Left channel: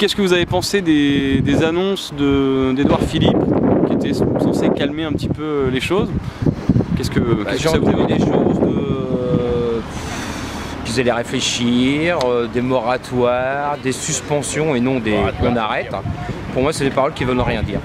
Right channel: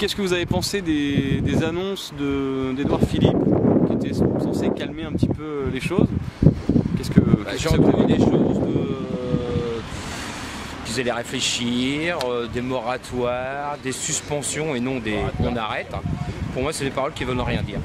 qu'est-ce que vous avez pensé des annonces d'Édouard Philippe, qui étaient censées calmer un petit peu les choses? Qu'est-ce que J'ai ça vous entendu évoque? des choses qu'ils allaient réfléchir, des moratoires, des suspensions et non des on arrête. Pour moi, c'est des paroles qui ne veulent rien dire.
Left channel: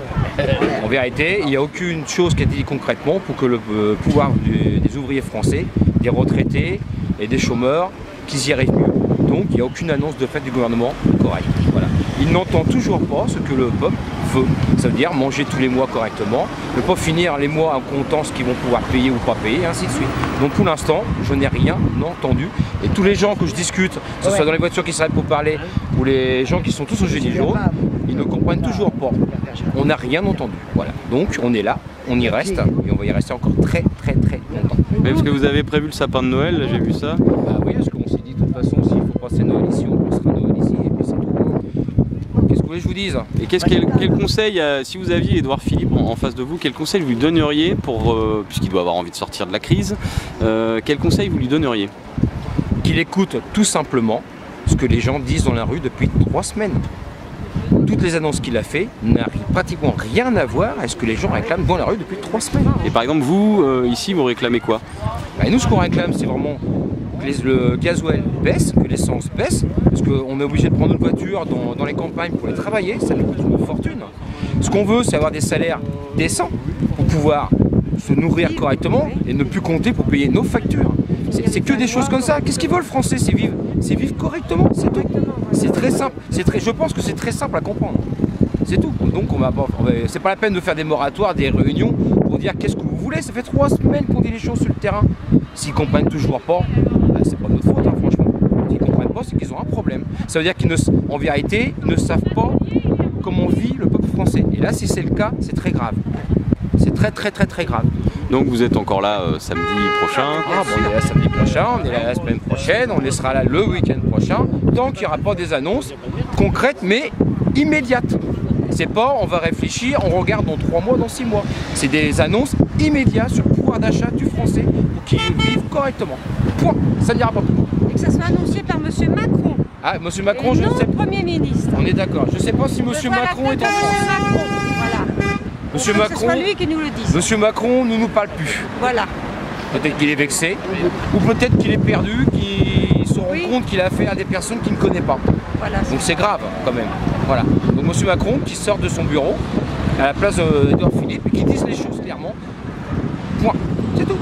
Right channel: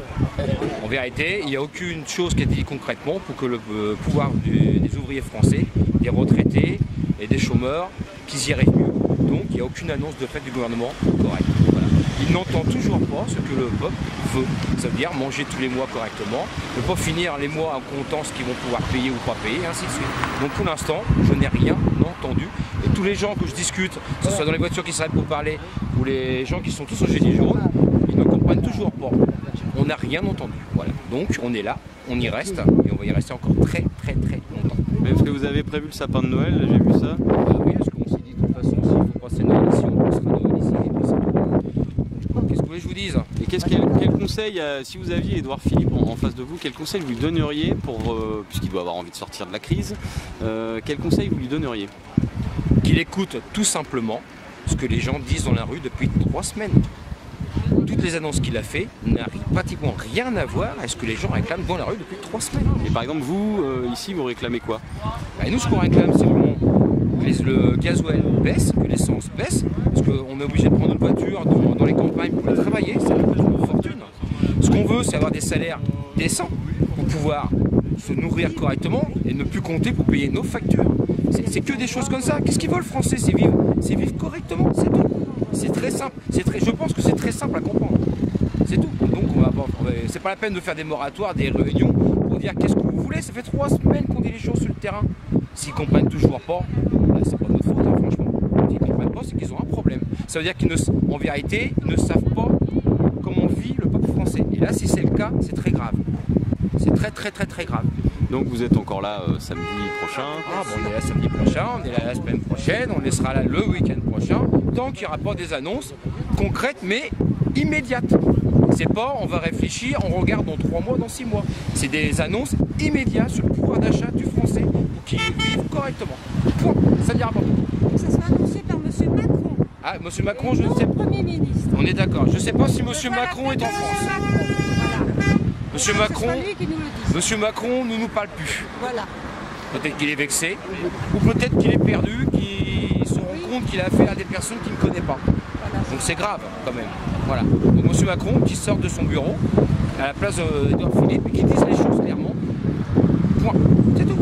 En vérité, il n'y a aucune chose qui a été dit concrètement pour que le pouvoir des ouvriers français, des retraités et des chômeurs, qu'ils y arrivent mieux. Donc, il n'y a aucune annonce de fait du gouvernement correcte. Voilà. Il n'entend toujours pas ce que le peuple veut. Ça veut dire manger tous les mois correctement, ne pas finir les mois en comptant ce qu'ils vont pouvoir payer ou pas payer, et ainsi de suite. Donc pour l'instant, je n'ai rien entendu. Et tous les gens que je discute, que ce soit dans les voitures qui s'arrêtent pour parler, ou les gens qui sont tous au gilet jaune, ils ne comprennent toujours pas. On n'a rien entendu. Voilà. Donc on est là, on y reste, et on va y rester encore très longtemps. Mais parce que vous avez prévu le sapin de Noël, j'ai vu ça. Ah oui, parce qu'on s'est dit de toute façon, s'il faut passer Noël ici, on passera Noël ici, et puis c'est tout. Qu'est-ce que vous voulez que je vous dise? Et quel conseil, si vous aviez Édouard Philippe en face de vous, quel conseil vous lui donneriez pour, puisqu'il doit avoir envie de sortir de la crise, quel conseil vous lui donneriez? Qu'il écoute tout simplement ce que les gens disent dans la rue depuis 3 semaines. Toutes les annonces qu'il a fait n'ont pratiquement rien à voir avec ce que les gens réclament dans la rue depuis 3 semaines. Et par exemple, vous, ici, vous réclamez quoi? Et nous, ce qu'on réclame, c'est vraiment que le gasoil baisse, que l'essence baisse, parce qu'on est obligé de prendre notre voiture dans les campagnes pour aller travailler, ça nous coûte une fortune. Ce qu'on veut, c'est avoir des salaires décents pour pouvoir se nourrir correctement et ne plus compter pour payer nos factures. C'est que des choses comme ça. Qu'est-ce qu'ils veulent, le français? C'est vivre correctement, c'est tout. C'est très simple. Je pense que c'est très simple à comprendre. C'est tout. Donc c'est pas la peine de faire des moratoires, des réunions pour dire qu'est-ce que vous voulez. Ça fait 3 semaines qu'on dit les choses sur le terrain. S'ils comprennent toujours pas, c'est pas notre faute, hein, franchement. S'ils comprennent pas, c'est qu'ils ont un problème. Ça veut dire qu'en vérité, ils ne savent pas comment vit le peuple français. Et là, si c'est le cas, c'est très grave. C'est très grave. Donc vous êtes encore là samedi prochain? On est là samedi prochain, on est là la semaine prochaine, on sera là le week-end prochain, tant qu'il n'y aura pas des annonces concrètes mais immédiates. C'est pas on va réfléchir, on regarde dans 3 mois, dans 6 mois. C'est des annonces immédiates sur le pouvoir d'achat du français pour qu'ils vivent correctement. Point. Ça n'ira pas plus loin. Et que ça soit annoncé par M. Macron. Ah, M. Macron, et je ne non sais le pas. Premier ministre. On est d'accord. Je ne sais pas si M. Macron est en M. France. Macron, voilà. Monsieur Que Macron, ce soit lui qui nous le dise. Monsieur Macron ne nous parle plus. Voilà. Peut-être qu'il est vexé, ou peut-être qu'il est perdu, qu'il se rend compte qu'il a affaire à des personnes qu'il ne connaît pas. Voilà, donc c'est grave quand même. Voilà. Donc M. Macron qui sort de son bureau à la place d'Édouard Philippe et qui dise les choses clairement. Point. C'est tout.